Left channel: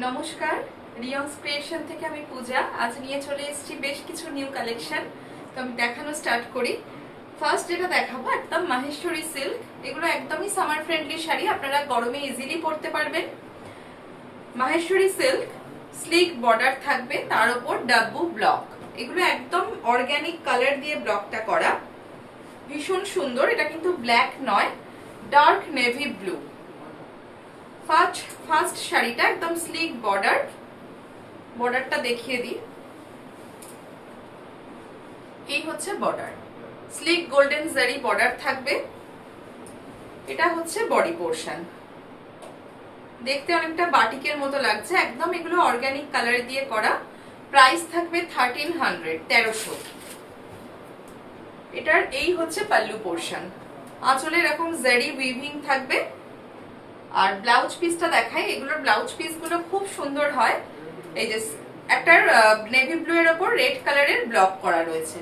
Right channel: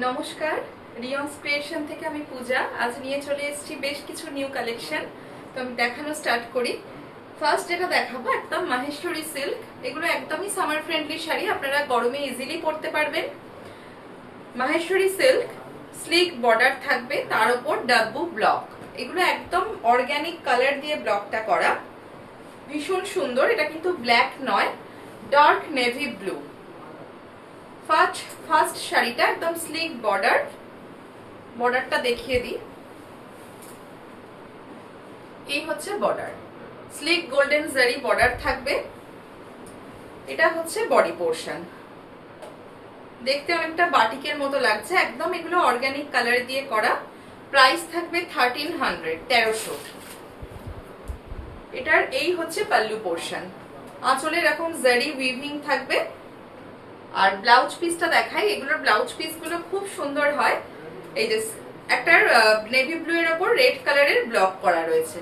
নমস্কার, রিয়ন্স ক্রিয়েশন থেকে আমি পূজা। আজ নিয়ে চলে এসেছি বেশ কিছু নিউ কালেকশন। তো আমি দেখানো স্টার্ট করি। ফার্স্ট যেটা দেখাবো একদম মাহেশ্বরী সিল্ক। এগুলো একদমই সামার ফ্রেন্ডলি শাড়ি, আপনারা গরমে ইজিলি পরতে পারবেন। মাহেশ্বরী সিল্ক, স্লিক বর্ডার থাকবে, তার উপর ডাব্বু ব্লক। এগুলো একদম অর্গানিক কালার দিয়ে ব্লকটা করা, ভীষণ সুন্দর। এটা কিন্তু ব্ল্যাক নয়, ডার্ক নেভি ব্লু। ফার্স্ট শাড়িটা একদম স্লিক বর্ডার, বর্ডারটা দেখিয়ে দিই। এই হচ্ছে বর্ডার, স্লিক গোল্ডেন জারি বর্ডার থাকবে। এটা হচ্ছে বডি পোর্শন, দেখতে অনেকটা বাটিকের মতো লাগছে। একদম এগুলো অর্গানিক কালার দিয়ে করা। প্রাইস থাকবে 1300, 1300। এটার এই হচ্ছে পাল্লু পোর্শন, আঁচলে এরকম জারি উইভিং থাকবে। আর ব্লাউজ পিসটা দেখাই, এগুলোর ব্লাউজ পিস গুলো খুব সুন্দর হয়। এই যে একটা নেভি ব্লু এর উপর রেড কালারের ব্লক করা রয়েছে,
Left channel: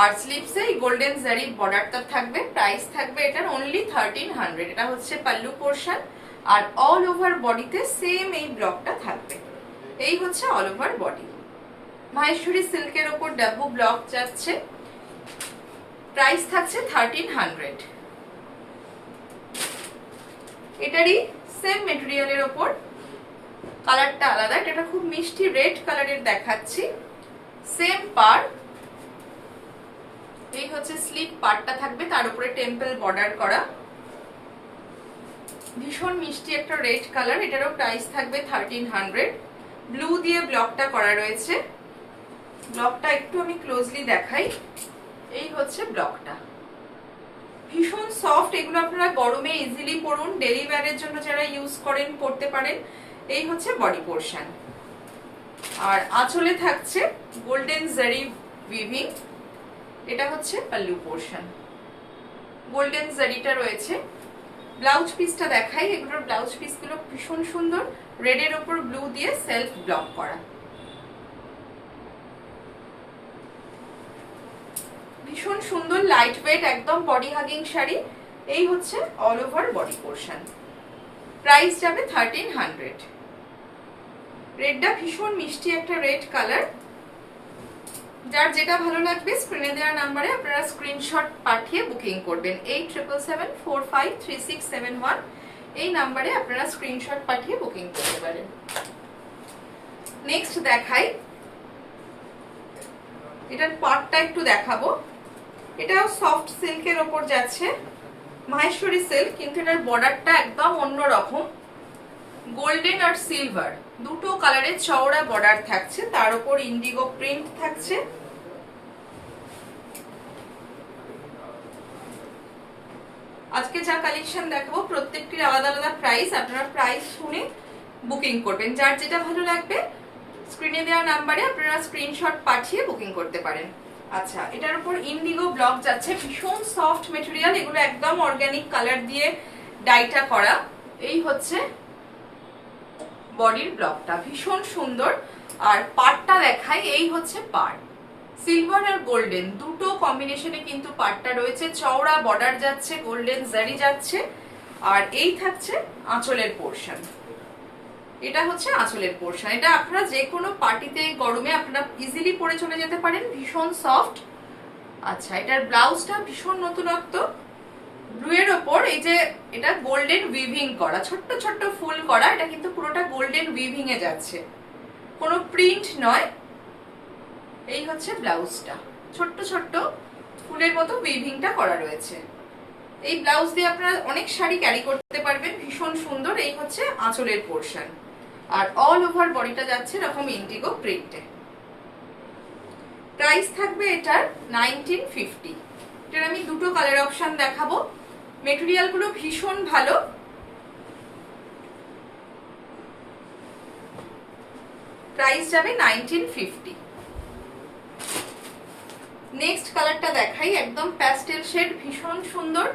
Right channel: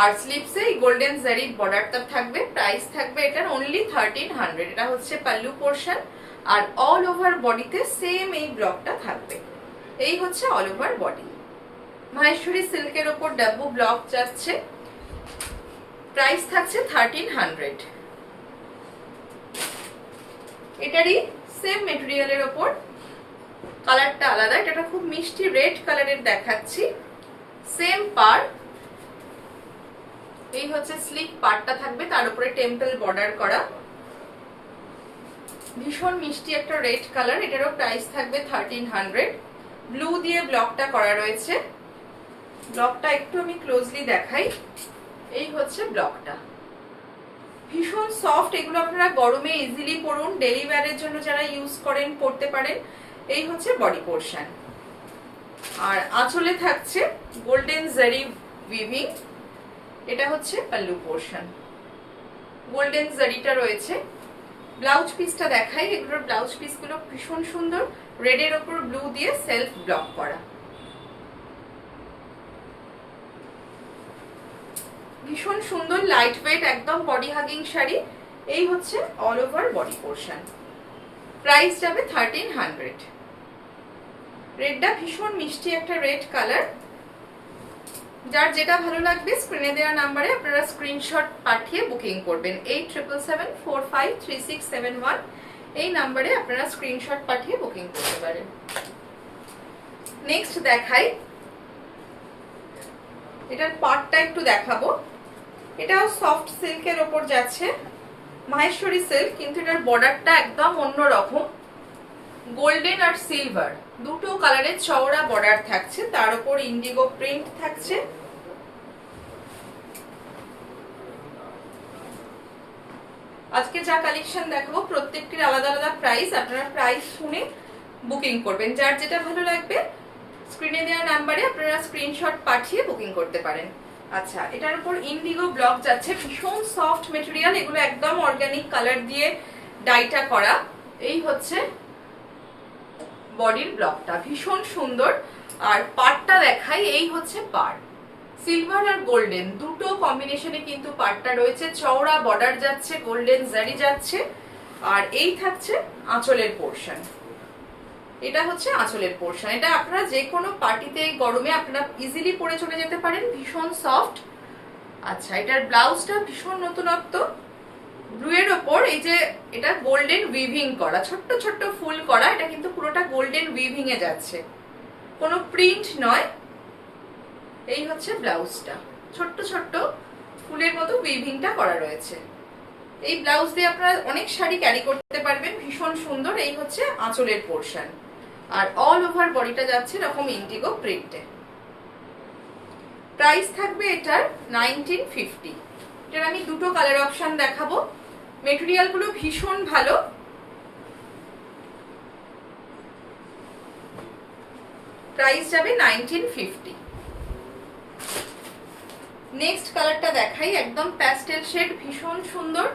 আর স্লিপসে এই গোল্ডেন জারি বর্ডারটা থাকবে। প্রাইস থাকবে এটার অনলি 1300। এটা হচ্ছে পাল্লু পোর্শন, আর অল ওভার বডিতে সেম এই ব্লকটা থাকবে। এই হচ্ছে অল ওভার বডি। মাহেশ্বরী সিল্কের উপর ডাব্বু ব্লক যাচ্ছে। প্রাইস থাকছে 1300। এটারই সেম মেটেরিয়ালের ওপর কালারটা আলাদা, এটা খুব মিষ্টি রেড কালারের দেখাচ্ছি। সেম পার্ট, এই হচ্ছে স্লিক পার্টটা থাকবে, তার উপরে টেম্পল বর্ডার করা। ভীষণ মিষ্টি একটা রেড কালার। এটারও প্রাইস থাকবে 1300। ব্লু দিয়ে ব্লকটা করা রয়েছে। ব্লকটা একটু আমি ক্লোজলি দেখাই। এই হচ্ছে ব্লকটা, ভীষণ সফট। এগুলো আপনারা গরমে ইজিলি পরুন, ডেলি ওয়্যারের জন্য যারা ইউজ করেন পরতে পারেন। এই হচ্ছে বডি পোর্শন, আর আঁচলে থাকছে গোল্ডেন জারি উইভিং। এটা হচ্ছে পাল্লু পোর্শন, গোল্ডেন জারিটা রয়েছে। ব্লাউজ পিসটা দেখাই। এগুলোর ব্লাউজ পিস গুলো ভীষণ সুন্দর, রেডের ওপর ব্লু দিয়ে সেলফ ব্লক করা। ভীষণ সুন্দর লাইট ওয়েট, একদম বডি হাগিং শাড়ি। এই হচ্ছে all over body portion. Price যাবে 1300। রেডটা ভীষণ মিষ্টি একটা রেড কালার। যার যেটা ভালো লাগবে স্ক্রিনে দেওয়া নাম্বারে আপনারা স্ক্রিনশট পাঠিয়ে বুকিং করবেন। 8777453671 এই নাম্বারে আপনারা স্ক্রিনশট পাঠিয়ে বুকিং করতে পারেন। নেক্সট দেখাই, এটার পার্টটা একটু দেখাবো। এটা সফট সিল্কের ওপর যাচ্ছে, মাহেশ্বরী সিল্ক, কিন্তু এটার বর্ডারটা একদম অন্যরকম। গোল্ডেন আর সিলভার দুটো কালারের চওড়া বর্ডার থাকছে, তার উপর ইন্ডিগো প্রিন্ট থাকছে। আজকে যা কালেকশন দেখাবো প্রত্যেকটির আলাদা আলাদা প্রাইস, আপনারা প্রাইস শুনে বুকিং করবেন। যার যেটা ভালো লাগবে স্ক্রিনে দেওয়া নাম্বারে আপনারা স্ক্রিনশট পাঠিয়ে বুকিং করতে পারেন। আচ্ছা, এটার উপর ইন্ডিগো ব্লক যাচ্ছে, ভীষণ সফট মেটেরিয়াল। এগুলো একদম অর্গানিক কালার দিয়ে ডাইটা করা। এই হচ্ছে বডির ব্লকটা, ভীষণ সুন্দর। আর পার্টটা দেখাই, এই হচ্ছে পার্ট। সিলভার আর গোল্ডেন দুটো কম্বিনেশনে কিন্তু পার্টটা রয়েছে। চওড়া বর্ডার যাচ্ছে, গোল্ডেন জারি যাচ্ছে। আর এই থাকছে আঁচলের পোর্শন। এটা হচ্ছে আঁচলের পোর্শন। এটা আপনারা যে কোনো পার্টিতে গরমে আপনারা ইজিলি পরে চলে যেতে পারেন, ভীষণ সফট। আচ্ছা, এটার ব্লাউজটা ভীষণ নতুনত্ব। ব্লু এর ওপর এই যে এটা গোল্ডেন উইভিং করা, ছোট্ট ছোট্ট ফুল করা। এটা কিন্তু পুরোটা গোল্ডেন উইভিং এ যাচ্ছে, কোনো প্রিন্ট নয়। এই হচ্ছে ব্লাউজটা, ছোট্ট ছোট্ট ফুলের মতো উইভিংটা করা রয়েছে। এই ব্লাউজ দিয়ে আপনারা অনেক শাড়ি ক্যারি করতে পারবেন, ভীষণ সুন্দর। এই হচ্ছে আঁচলের পোর্শন, আর অল ওভার বডিটা যাচ্ছে এরকম ইন্ডিগো প্রিন্টে। প্রাইস থাকবে এটার 1950। এটার আমি দুটো কালার অপশন দেখাবো। মেটেরিয়াল গুলো ভীষণ ভালো। প্রাইস যাবে 1950। নেক্সট কালারটা দেখাই, একদম প্যাস্টেল শেড, ভীষণ সুন্দর।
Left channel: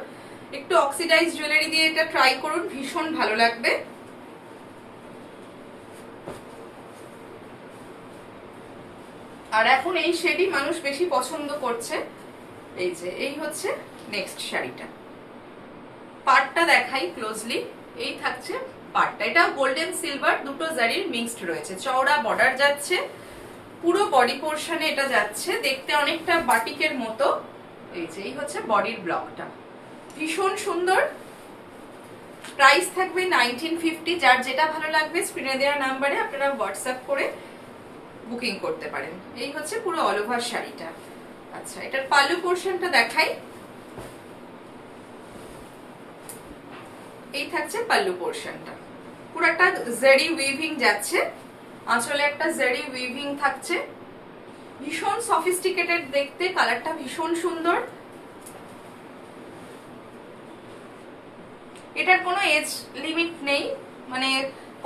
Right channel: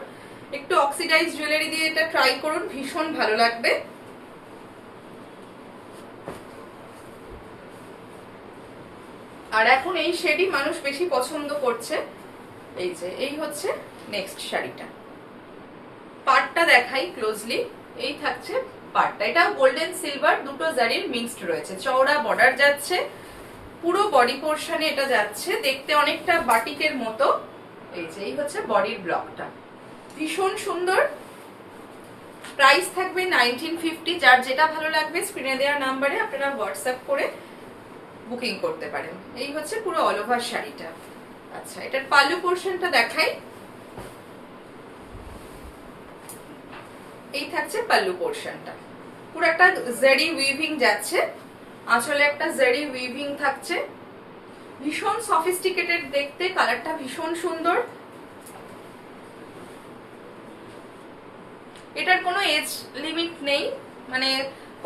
একটু অক্সিডাইজ জুয়েলারি দিয়ে এটা ট্রাই করুন, ভীষণ ভালো লাগবে। আর এখন এই শেডই মানুষ বেশি পছন্দ করছে। এই যে এই হচ্ছে নেক্সট শাড়িটা। পার্টটা দেখাই ক্লোজলি। এই থাকছে পাটটা, এটাও গোল্ডেন সিলভার দুটো জারির মিক্সড রয়েছে, চওড়া বর্ডার যাচ্ছে, পুরো বডি পোর্শনে এটা যাচ্ছে, দেখতে অনেকটা বাটিকের মতো। এই হচ্ছে বডির ব্লকটা, ভীষণ সুন্দর। প্রাইস থাকবে 1950। যার যেটা ভালো লাগবে স্ক্রিনে দেওয়া নাম্বারে আপনারা হোয়াটসঅ্যাপ করে বুকিং করতে পারেন। এই হচ্ছে পুরো অল ওভার শাড়িটা। আচ্ছা, এটার পাল্লু পোর্শনটা দেখাই। এই থাকছে পাল্লু পোর্শনটা, পুরো একটা জারি উইভিং যাচ্ছে, আঁচলে একটা জারি উইভিং থাকছে, ভীষণ সফিস্টিকেটেড দেখতে, কালারটা ভীষণ সুন্দর। এটার কোনো এজ লিমিট নেই, মানে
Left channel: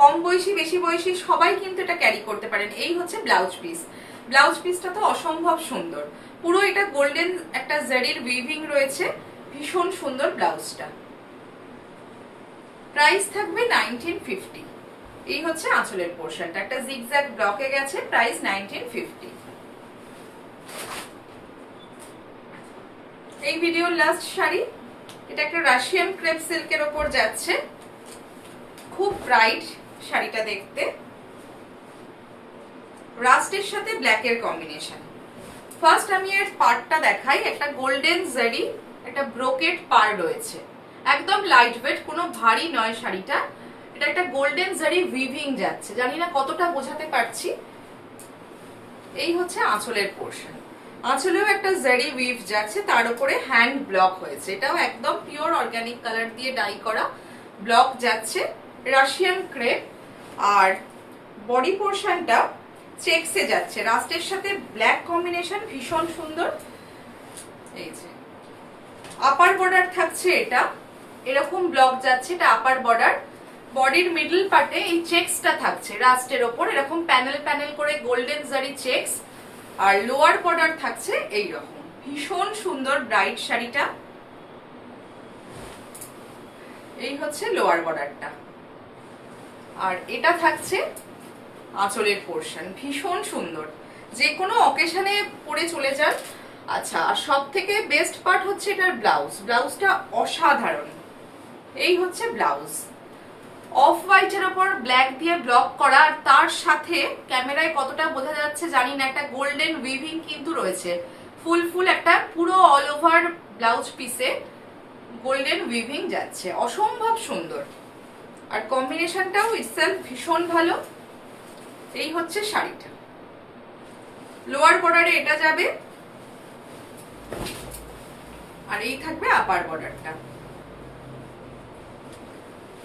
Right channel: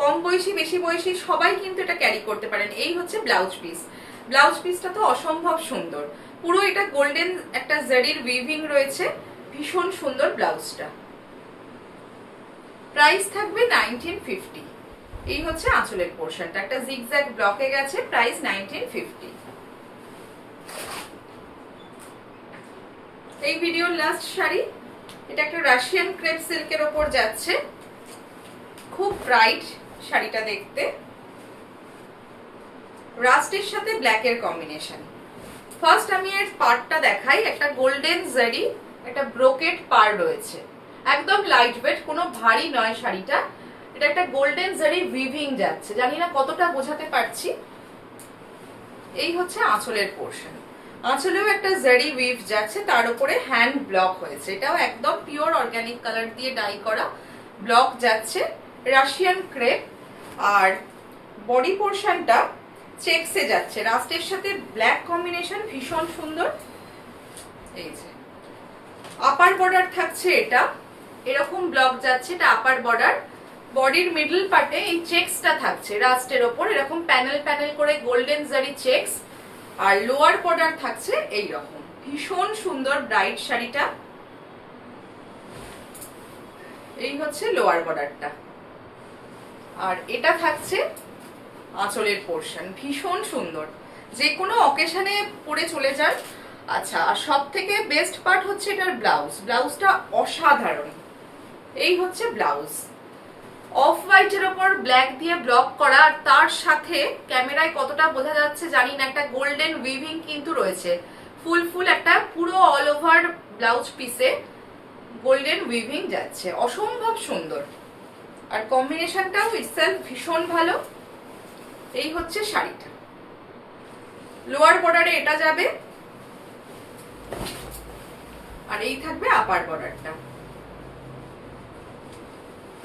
কম বয়সী বেশি বয়সী সবাই কিন্তু এটা ক্যারি করতে পারেন। এই হচ্ছে ব্লাউজ পিস, ব্লাউজ পিসটা তো অসম্ভব সুন্দর, পুরো এটা গোল্ডেন একটা জারির উইভিং রয়েছে, ভীষণ সুন্দর ব্লাউজটা। প্রাইস থাকবে 1950। এই হচ্ছে আঁচলের পোর্শনটা, একটা জিগজ্যাগ ব্লকে গেছে, প্রাইস 1950। এই ভিডিওর লাস্ট শাড়ি, এটা একটা রাশিয়ান ক্রেপ সিল্কের ওপর যাচ্ছে, খুব ব্রাইট শাড়িটা দেখতে, রাস্টের সাথে ব্ল্যাকের কম্বিনেশন। ফার্স্ট আমি এর পাড়টা দেখাই, একটা গোল্ডেন জারি একটা ব্রোকেট পাড় রয়েছে, একদম লাইট ওয়েট, কোনো ভারী নয় শাড়িটা। এটা একটা গোল্ডেন জারি উইভিং যাচ্ছে, জানি না কতটা বোঝাতে পারছি। এই হচ্ছে আঁচলের পোর্শন, আঁচলেও একটা জারি উইভ যাচ্ছে, তার উপরে হ্যান্ড ব্লক হয়েছে, এটাও একদম পিওর অর্গানিক কালার দিয়ে ডাই করা ব্লক যাচ্ছে, রাশিয়ান ক্রেপ। আর বডি পোর্শনটা চেকসে যাচ্ছে, রাস্টের সাথে ব্ল্যাক কম্বিনেশন, ভীষণ সুন্দর। এই যে আপার বর্ডার থাকছে, এটা এরকম ব্লক যাচ্ছে, এটা আপার বর্ডার। বডির মিডল পার্টে এই চেকসটা থাকছে রাস্টের ওপর, এরকম প্যানেল প্যানেল করে গোল্ডেন জারি চেকস। আর লোয়ার বর্ডার থাকছে এই রকম, ভীষণ সুন্দর ব্রাইট শাড়িটা। এই হচ্ছে লোয়ার বর্ডারটা, আর এটা থাকছে আঁচলের পোর্শন, ভীষণ সুন্দর, যে কোনো অকেশনে পরে চলে যান। আচ্ছা, আর সব থেকে বেস্ট পার্ট হচ্ছে এটার ব্লাউজ, ব্লাউজটা অসাধারণ। এই হচ্ছে ব্লাউজ, অফ হোয়াইটের ওপর ব্ল্যাক দিয়ে ব্লক করা, আর তার সাথে ক্যামেরায় কতটা বোঝা যাচ্ছে জানি না, একটা গোল্ডেন উইভিং কিন্তু রয়েছে, ফুল একটা পুরো অল ওভার ব্লাউজ পিসে গোল্ডেন উইভিং যাচ্ছে, অসম্ভব সুন্দর। আর কম্বিনেশনটাও ইটসেলফ ভীষণ ভালো। এই হচ্ছে শাড়িটা, লোয়ার বর্ডারে এটা যাবে, আর এই থাকবে আপার বর্ডারটা।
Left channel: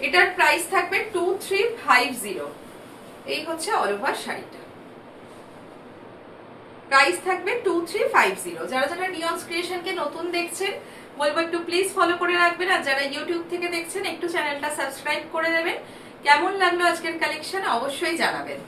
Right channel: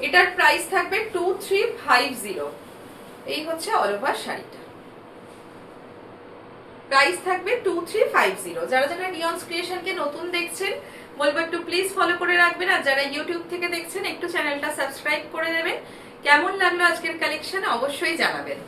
এটার প্রাইস থাকবে 2350। এই হচ্ছে অল ওভার শাড়িটা, প্রাইস থাকবে 2350। যারা যারা নিয়ন্স ক্রিয়েশনকে নতুন দেখছেন বলবো একটু প্লিজ ফলো করে রাখবেন, আর যারা ইউটিউব থেকে দেখছেন একটু চ্যানেলটা সাবস্ক্রাইব করে দেবেন। কেমন লাগলো আজকের কালেকশন অবশ্যই জানাবেন।